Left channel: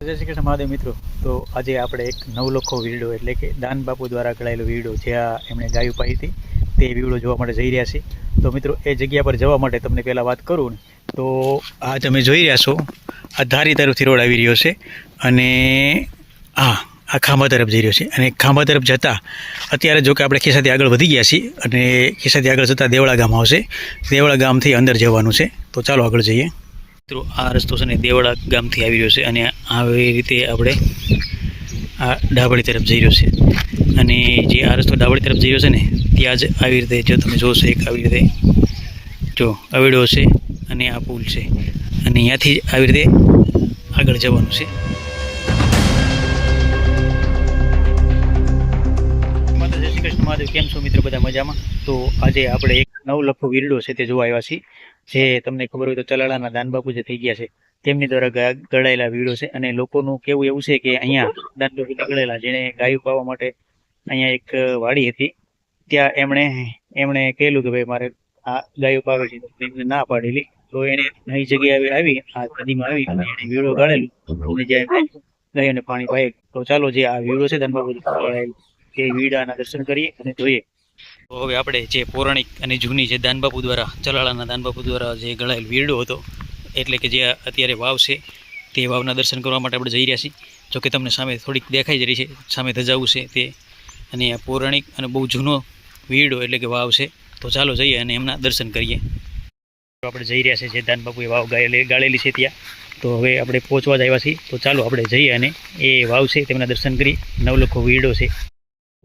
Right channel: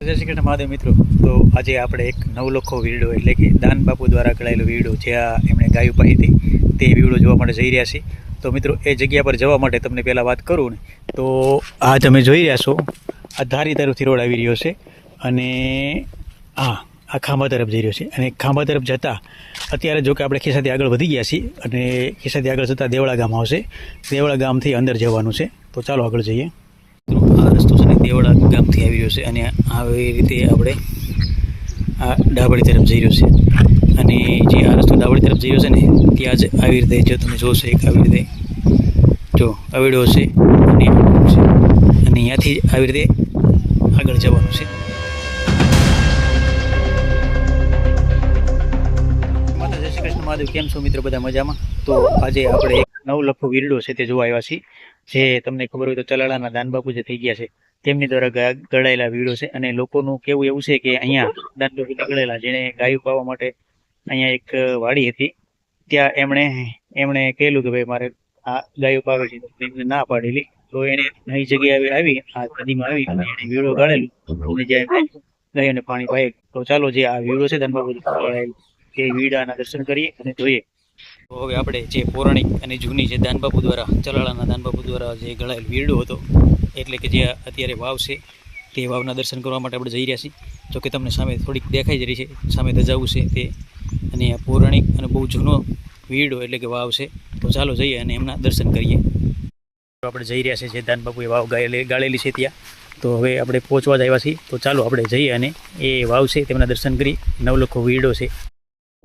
જય શ્રી કૃષ્ણ મહાદેવ મિત્રો. તો આજે આપણે એક નવલખો વીડિયો એટલે કે દાન બાપુ દ્વારા કળાયેલો વીડિયો જ્યાં એમણે ગાયું પાઈ હતી, તે વીડિયો જોવા માટે જઈ રહ્યા છીએ. તો મિત્રો, એ જગ્યા પર જવા માટે તમને પહેલાં વાત કરું ને, તો આ તમે જોઈ રહ્યા છો, આ ધારી તરફથી રોડ આવી રહ્યો છે અને હા આ ખાંભા તરફ જઈ રહ્યો છે. અને ખાંભા તરફ જતાં અત્યારે જો કે આપણે ખેસાથી આગળ વધી ગયા છીએ અને ખેસાથી આગળ જતાં દેવળા ગામ આવશે. દેવળા ગામથી અંદર જવાનું છે. તો ચાલો આગળ જઈએ. મિત્રો, આ રસ્તો છે ને દેવળા ગામથી આવી રહ્યો છે અને આવી રીતે આપણે આ ડાબડી તરફ જઈ રહ્યો છે. અને જે આ રસ્તો ડાબડી તરફ જઈ રહ્યો છે ને, ત્યાં જ આવી રીતે જો તમે જોશો એક આવી રીતે જો અવેડો છે અને આ છે. અને અહીંયાથી આવી રીતે આગળ જવાનું છે. માતા જય શ્રી કૃષ્ણ. મહાદેવ, કેમ છો? મિત્રો, બધા મજામાં? તો આજે આપણે નવલખો વીરડો છે તે જોવા આવ્યા છીએ. જે તમને ખબર હોય તો ચલાળાના દાનબાપુ જે થઈ ગયા છે, તેમની દ્વારા ગળાયેલા વીડો છે અને લોકોનું કેવું એવું છે કે અહીંયા દાનબાપુ ગળેલા જેને ગાયું પાવા માટે અહીંયા એક વાડી હતી. ત્યાં એમણે એમણે કહેલું કે ભાઈ મારે આ ગાયો પાવે છે એમને ના પાડેલી. તો એને નવી જગ્યાએ આવી, આ નદીમાં આવી અને એને વીડો ગાળેલું. અને જ્યાં ગાયોને પાણી પાય, તો ચાલો જે આ વીડો છે દાનબાપુ તે વીડાના દર્શન કરીએ અને જોઈએ. તો હવે આપણે જે પૌરાણિક અને જૂની જે દાનબાપુ દ્વારા, ચલાળાના દાનબાપુ દ્વારા જે ગળાયેલ વીરડો હતો, એટલે કે જે અત્યારે વાવ છે, તે વાવના દર્શન કરવા માટે આપણે જઈ રહ્યા છીએ. જો કે તમને સામે થોડીક દેખાઈ જ રહી છે, સામે ધજાવું છે તે. અને આ પૌરાણિક અને બહુ જૂનો વીરડો એટલે કે વાવ છે, તો ચાલો જઈએ અને એમના દર્શન કરીએ. આપણે જઈ રહ્યા છીએ, જે દાનબાપુએ વાવ ગાળેલી છે ત્યાં. તો હવે આપણે પહોંચવા જ આવ્યા છીએ. તો ચાલો આપણે જઈએ અને એ વાવ છે, તેમના દર્શન કરી. નવલખો વીરડો છે.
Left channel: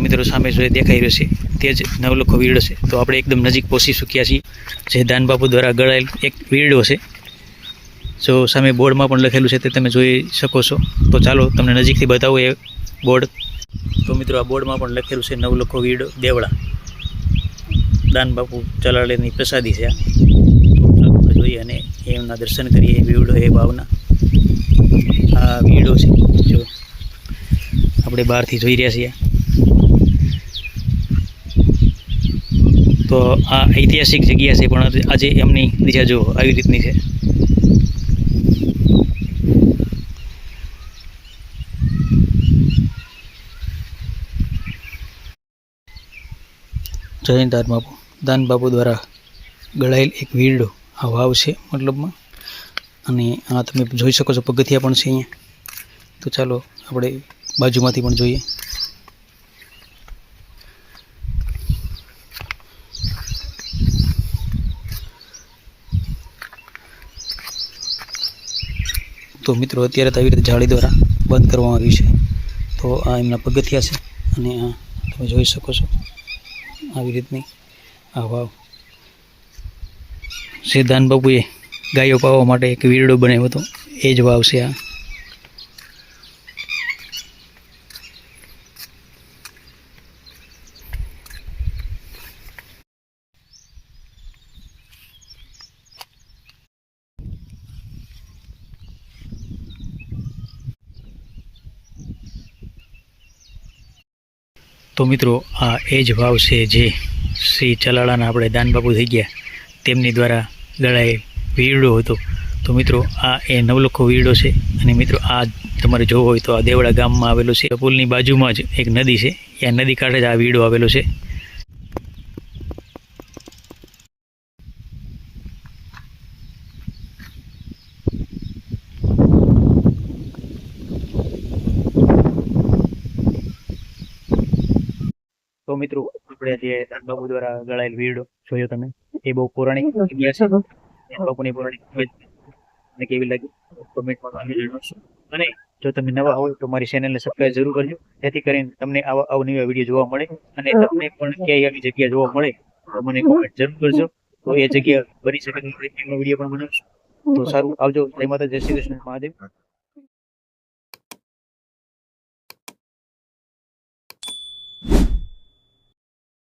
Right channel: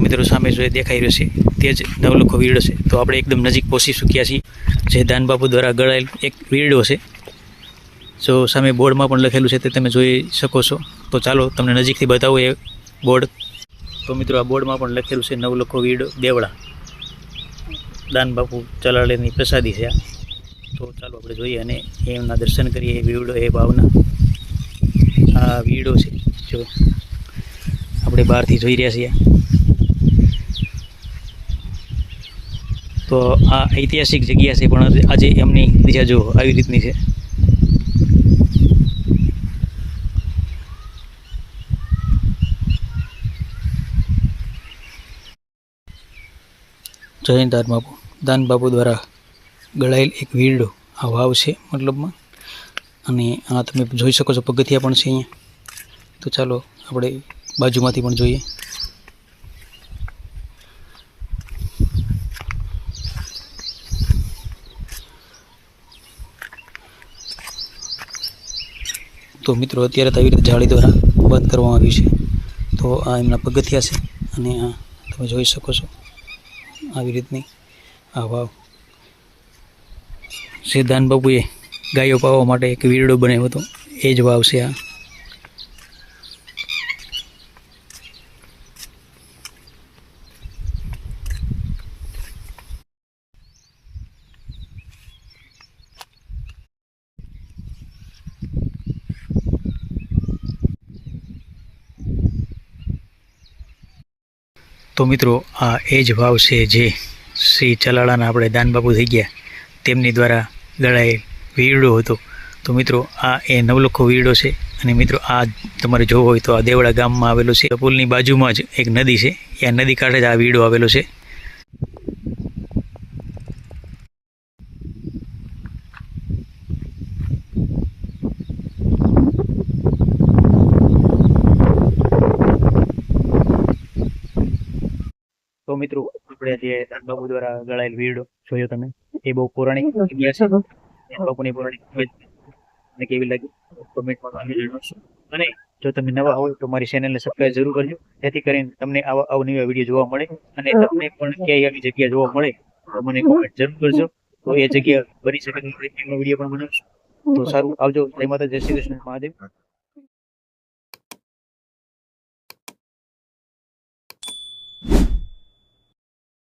મિત્રો સામે જો દેખાઈ રહ્યો છે, તે જ નવલખો વીરડો છે. તો આપણે એકદમ નજીક પહોંચી ચૂક્યા છીએ. જે દાનબાપુ દ્વારા ગળાયેલ એક વીરડો છે. જો સામે બોર્ડમાં પણ લખેલું છે તે તમે જોઈ શકો છો. તો ચાલો તમને નજીકથી બતાવું એ બોર્ડ. તો મિત્રો આ બોર્ડમાં પણ લખેલું છે નવલખો વીરડો દેવળા. દાનબાપુ ચલાળેની પ્રસાદી છે આ. તો ચાલો આપણે જોઈએ અને એમના દર્શન કરીએ વીરડો, એ ભાવના. આ વીરડો છે, જો આપણે બહારથી જોઈ રહ્યા છીએ. તો આ ઐતિહાસિક જગ્યા છે, પણ આજે એમની દિશા જો આવી રીતની છે. જૈન દાન બાપુ. દાન બાપુ દ્વારા ગળાયેલ એક વીરડો. આ વાવ છે મતલબમાં. અને આ તમે જોઈ શકો છો, પગથિયા પણ છે અહીંયા. તો ચાલો, આપણે બાજુમાંથી પણ જોઈએ. તો મિત્રો અત્યારે તો આવી રીતે જાળી દ્વારા બંધ કરવામાં આવ્યું છે. તો આ એમના પગથિયા છે અને આ તમે જોઈ શકો છો આવી રીતની આ વાવ. સિદ્ધાંત બાપુએ ગાયો પાવા માટે એક વીરડો બનાવ્યો હતો. એ જ વાવ છે આ. તો મિત્રો, આ એ જ ભાવ છે જે શ્રી ચલાળાના આપણે દાનબાપુ થઈ ગયા. તેમની દ્વારા ગળાયેલ વીરડો હતો. તો મિત્રો, આ એ નવલખો વીરડો છે. અને મિત્રો, આ તમારે જોવો હોય તો આ દેવડા ગામમાં આવેલો છે. પુલની બાજુમાં જ એક નદી છે. એ નદી કાંઠે જ આ વીરડો આવેલો છે. તો મિત્રો આપણે જે દાનબાપુ દ્વારા ગળાયેલ વીરડો જોયો તમે એ બહુ પૌરાણિક છે. પૌરાણિક કેવી લાગી? કોમેન્ટમાં અમે જણાવશો. અને જો તમે નવા હોય તો મારી ચેનલને સબસ્ક્રાઇબ જરૂર કરજો. જેથી કરીને તમને આવા અવનવા વીડિયો જોવા મળે અને તમને પણ ક્યાંય આવી જગ્યા જોવા મળે તો મને કોમેન્ટ જરૂર કરજો. તો એ જગ્યા બની શકે એનો વીડિયો પણ બનાવશો. તો સારું આવજો. જય માતા જય શ્રી કૃષ્ણ. મહાદેવ.